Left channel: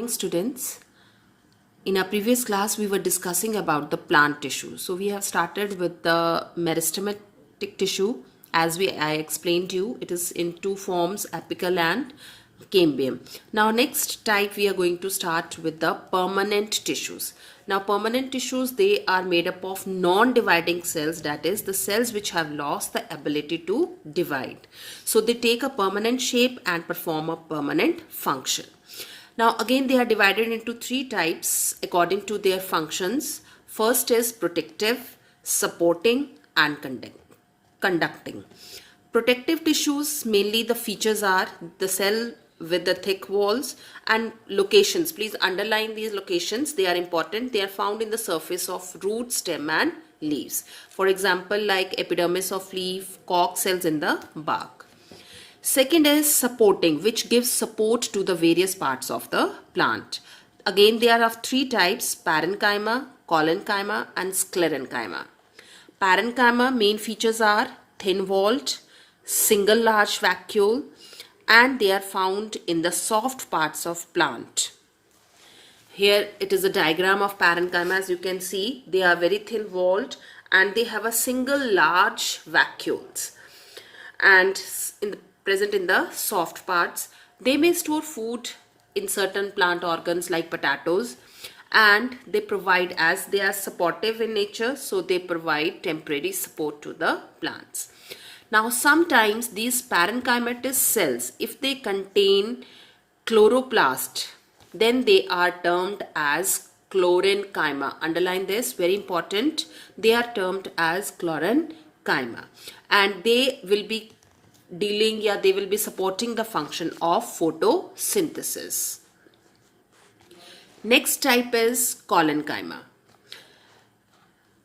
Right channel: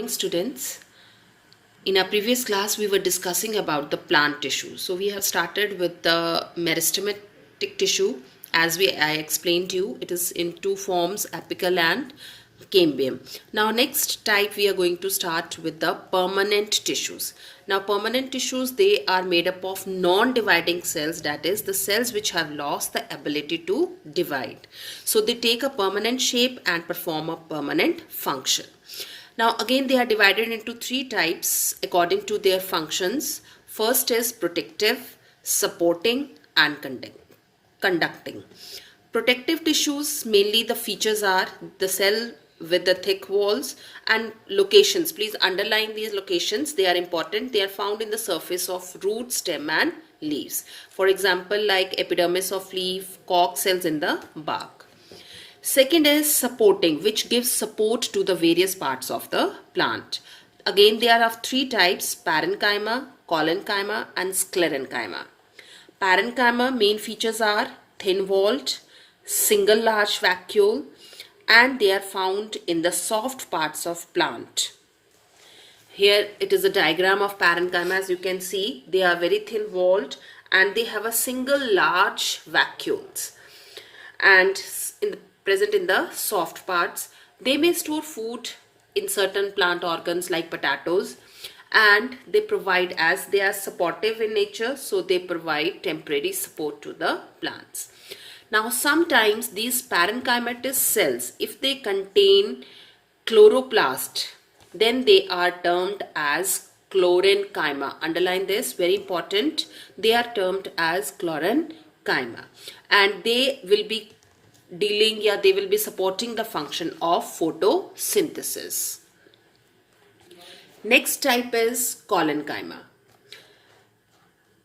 Morning, students. In our previous class, we were discussing about the plant tissue. So we have started with the meristematic tissue. I explained to you, it is in two forms, apical and cambium. Now next type we are going to start with the permanent tissues. Now permanent tissues, they are made up of non-dividing cells, that is the cells which have lost the ability to divide. So they take a permanent shape and perform a permanent function. Now again they are divided into three types according to their functions. First is protective, supporting and conducting. Protective tissues, mainly the features are the cell with the thick walls and locations. Please underline these locations, they are important. They are found in the surface of root, stem and leaves. For example, like epidermis of leaf, cork cells in the bark. Second is supporting, which gives support to the various parts of the plant. Again, there are three types: parenchyma, collenchyma and sclerenchyma. Parenchyma main features are thin-walled, single large vacuole, and they are found in the soft parts of plant. Here it is a diagram of parenchyma. As you can see, they are very thin-walled and they have a single large vacuoles. And present in the soft parts. They may store food in certain plant organs like potatoes, and they provide, as they are supportive in nature, so they provide temporary support to the plants. Now sometimes these parenchymatous cells, if they contain chloroplast, then they are termed as chlorenchyma. Underline this, very important. They are termed as chlorenchyma, and they will be they will be supporting the function of photosynthesis. Next type is collenchyma.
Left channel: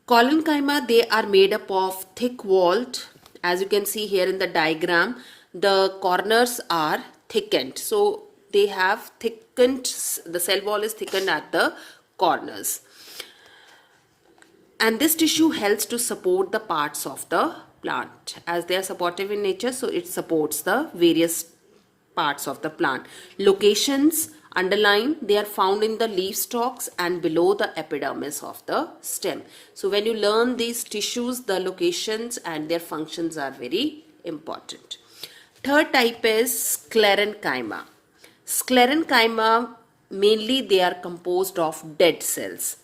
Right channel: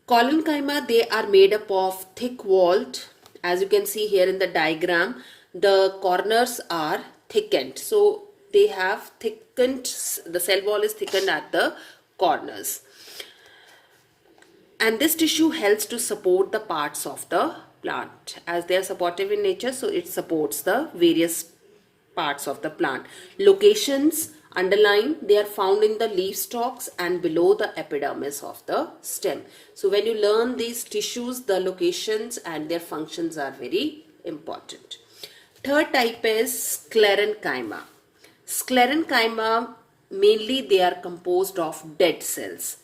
Collenchyma, they are made up of thick walled. As you can see here in the diagram, the corners are thickened. So they have thickened, the cell wall is thickened at the corners. And this tissue helps to support the parts of the plant, as they are supportive in nature, so it supports the various parts of the plant. Locations, underline, they are found in the leaf stalks and below the epidermis of the stem. So when you learn these tissues, the locations and their functions are very important. Third type is sclerenchyma. Sclerenchyma, mainly they are composed of dead cells.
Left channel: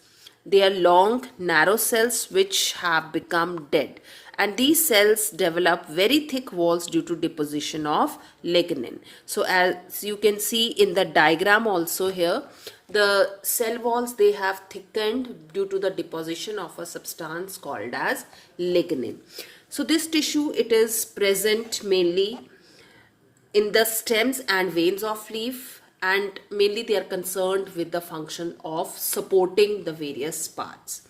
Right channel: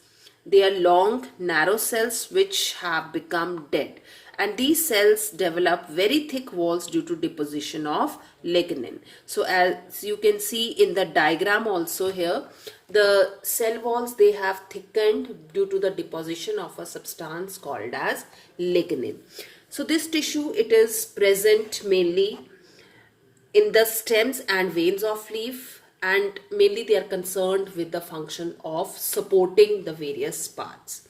They are long, narrow cells which have become dead, and these cells develop very thick walls due to deposition of lignin. So as you can see in the diagram also here, the cell walls, they have thickened due to the deposition of a substance called as lignin. So this tissue, it is present mainly in the stems and veins of leaf, and mainly they are concerned with the function of supporting the various parts.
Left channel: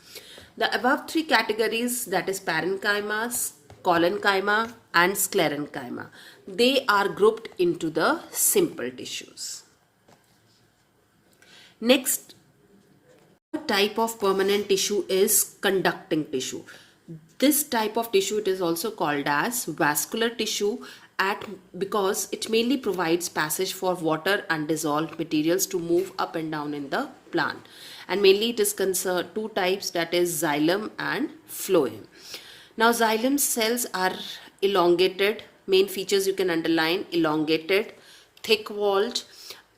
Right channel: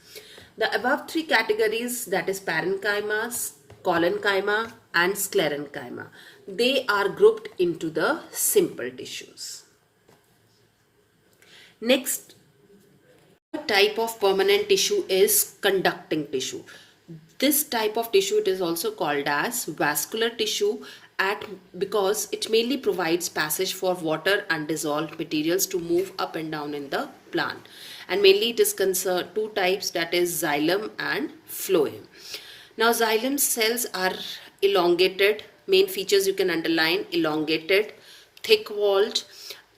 The above three categories, that is parenchyma, collenchyma and sclerenchyma, they are grouped into the simple tissues. Next type of permanent tissue is conducting tissue. This type of tissue, it is also called as vascular tissue because it mainly provides passage for water and dissolved materials to move up and down in the plant. And mainly it is concerned two types, that is xylem and phloem. Now xylem cells are elongated. Main features you can underline: elongated, thick walled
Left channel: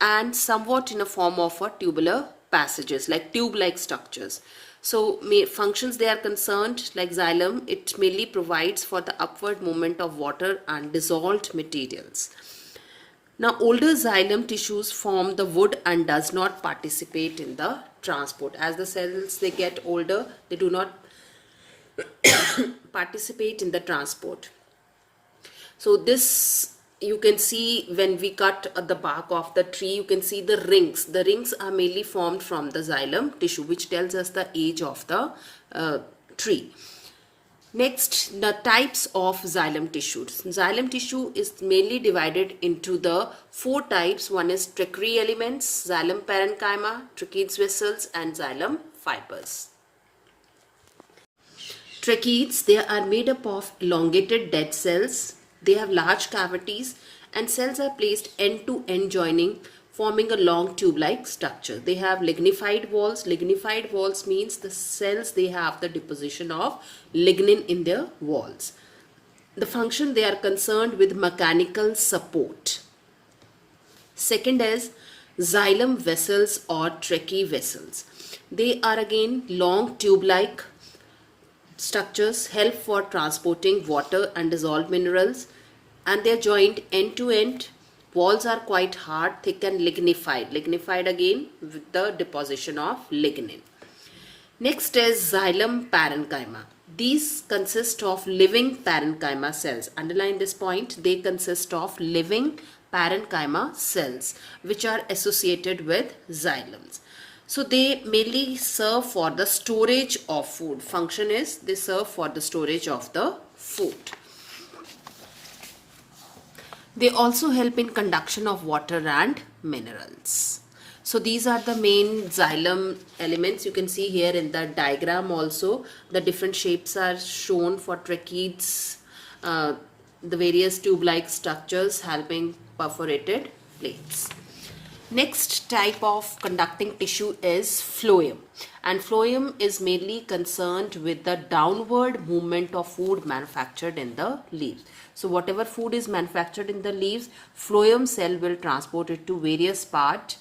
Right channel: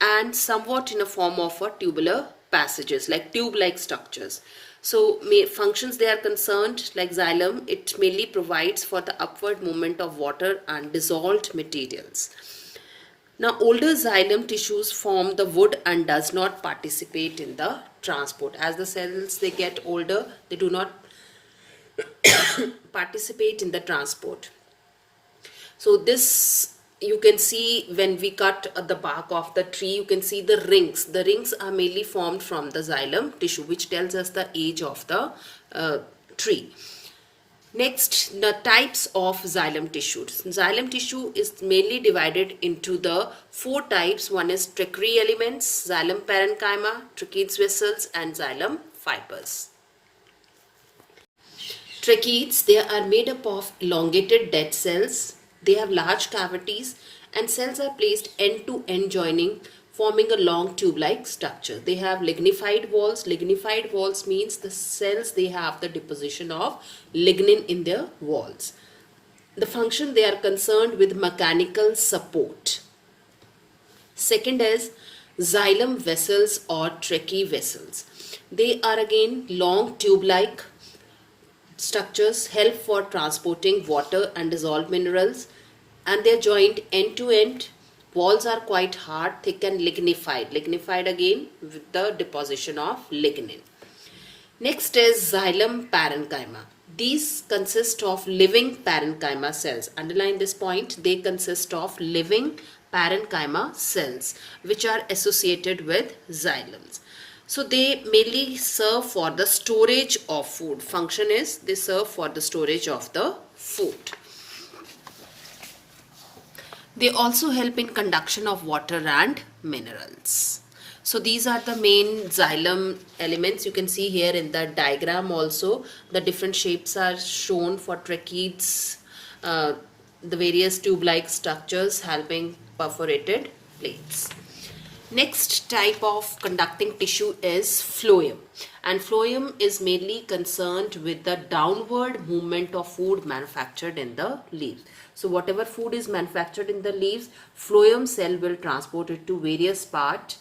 and somewhat in a form of a tubular passages, like tube-like structures. So functions they are concerned, like xylem, it mainly provides for the upward movement of water and dissolved materials. Now older xylem tissues form the wood and does not participate in the transport. As the cells they get older, they do not participate in the transport. So this, you can see when we cut the bark of the tree, you can see the rings. The rings are mainly formed from the xylem tissue, which tells us the age of the tree. Next, the types of xylem tissue. Xylem tissue is mainly divided into the four types. One is trachea elements, xylem parenchyma, tracheids vessels and xylem fibers. Tracheids, they are made up of elongated dead cells. They have large cavities and cells are placed end to end joining forming a long tube-like structure. They have lignified walls. Lignified walls means the cells, they have the deposition of lignin in their walls. The function, they are concerned with mechanical support. Second is xylem vessels or tracheae vessels. They are again long tube-like structures, help for transporting water and dissolved minerals, and they are joined end to end. Walls are quite hard, thick and lignified. Lignified again with the deposition of lignin. Next is xylem parenchyma. These consist of living parenchyma cells. Underline this point. They consist of living parenchyma cells which are associated with xylems. So they mainly serve for the storage of food. Function is they serve for the storage of the food. They also help in conduction of water and minerals. So these are the main xylem elements. You can see here in the diagram also the different shapes are shown for tracheids, the various tube-like structures helping perforated plates. Next type of conducting tissue is phloem, and phloem is mainly concerned with the downward movement of food manufactured in the leaves. So whatever food is manufactured in the leaves, phloem cell will transport it to various parts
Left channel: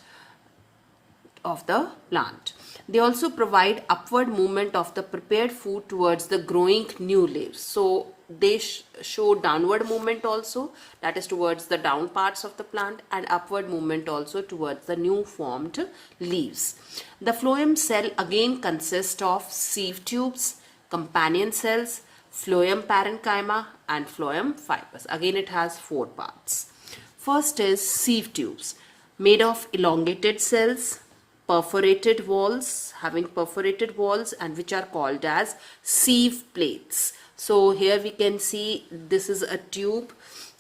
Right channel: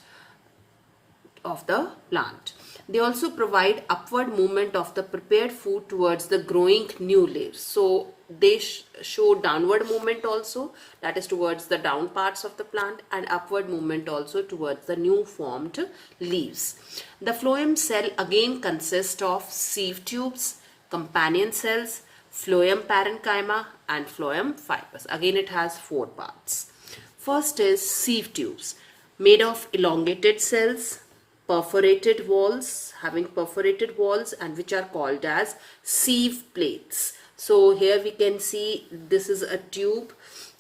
of the plant. They also provide upward movement of the prepared food towards the growing new leaves. So they show downward movement also, that is towards the down parts of the plant, and upward movement also towards the new formed leaves. The phloem cell again consists of sieve tubes, companion cells, phloem parenchyma and phloem fibers. Again it has 4 parts. First is sieve tubes, made of elongated cells, perforated walls, having perforated walls, and which are called as sieve plates. So here we can see this is a tube,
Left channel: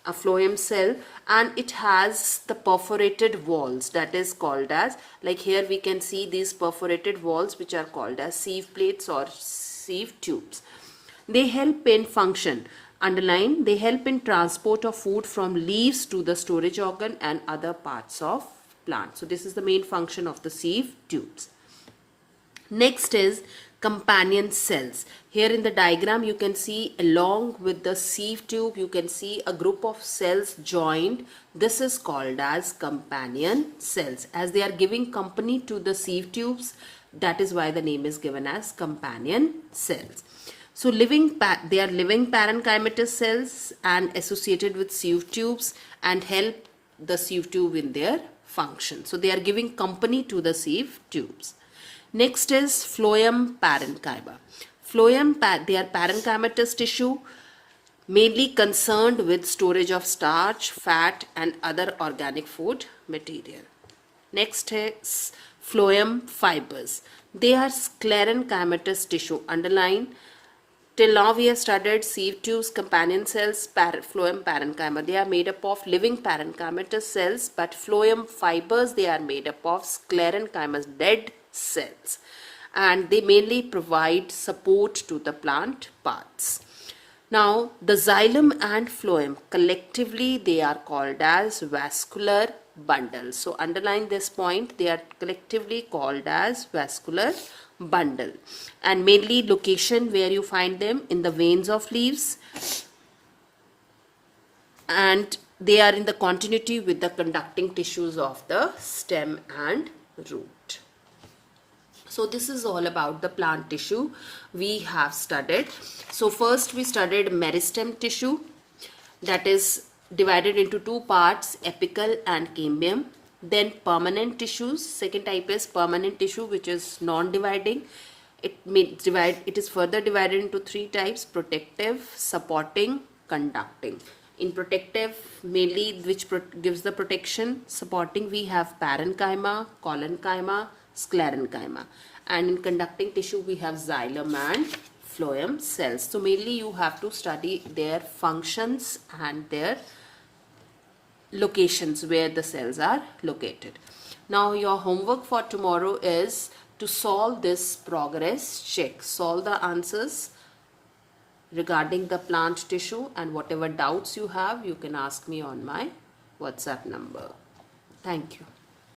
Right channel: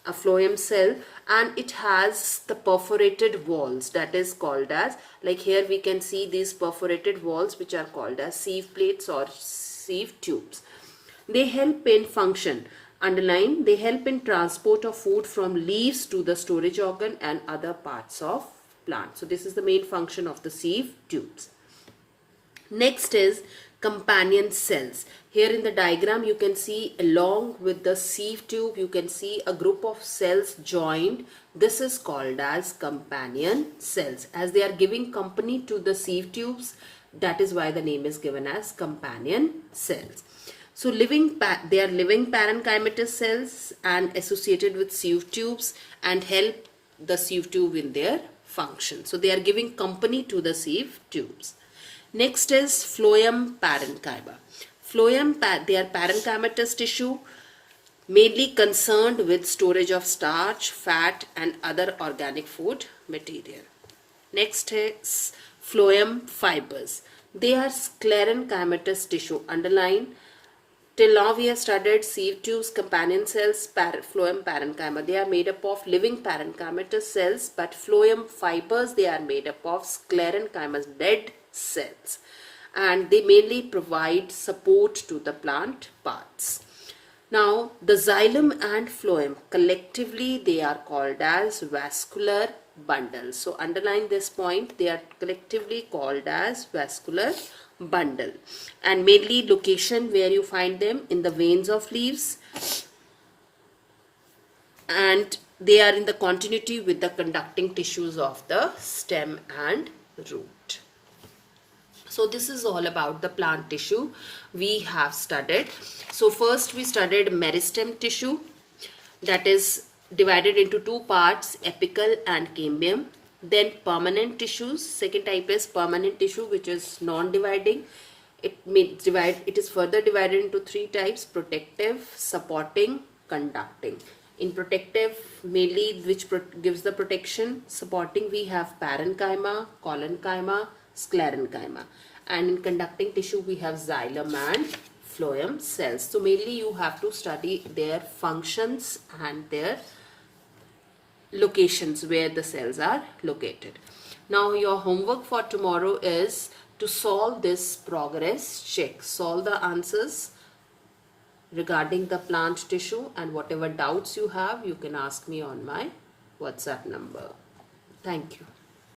a phloem cell, and it has the perforated walls, that is called as, like here we can see these perforated walls which are called as sieve plates or sieve tubes. They help in function, underline, they help in transport of food from leaves to the storage organ and other parts of plant. So this is the main function of the sieve tubes. Next is companion cells. Here in the diagram you can see along with the sieve tube you can see a group of cells joined. This is called as companion cells, as they are giving company to the sieve tubes. That is why the name is given as companion cells. So they are living parenchymatous cells and associated with sieve tubes and help the sieve tube in their function. So they are giving company to the sieve tubes. Next is phloem parenchyma. They are parenchymatous tissue mainly concerned with storage of starch, fat and other organic food material. Next is phloem fibers. They are sclerenchymatous tissue. Underline, till now we have studied sieve tubes, companion cells, phloem parenchyma. They are made up of living parenchymatous cells, but phloem fibers, they are made up of sclerenchymatous dead cells, and they mainly provide support to the plant parts. Now the xylem and phloem collectively they are called as vascular bundle. So underline this point, they are collectively called as vascular bundle, and mainly location where you find them in the veins of leaves, and they are in the continuity with the conducting tissues of the stem and root. So this is all about the plant tissue we have studied. So first we studied meristem tissue, that is divided into 2 parts, apical and cambium. Then permanent tissues, second type is permanent tissue which is non-dividing. It is further divided into 3 types: protective, supporting, conducting. In protective, mainly which gives the protection, supporting we have parenchyma, collenchyma, sclerenchyma, and in conducting tissue we have xylem and phloem cells. So mainly you have to study their functions and their locations where the cells are located. Now your homework for tomorrow is to solve this progress check. Solve the answers regarding the plant tissue, and whatever doubts you have you can ask me on my WhatsApp number. Thank you.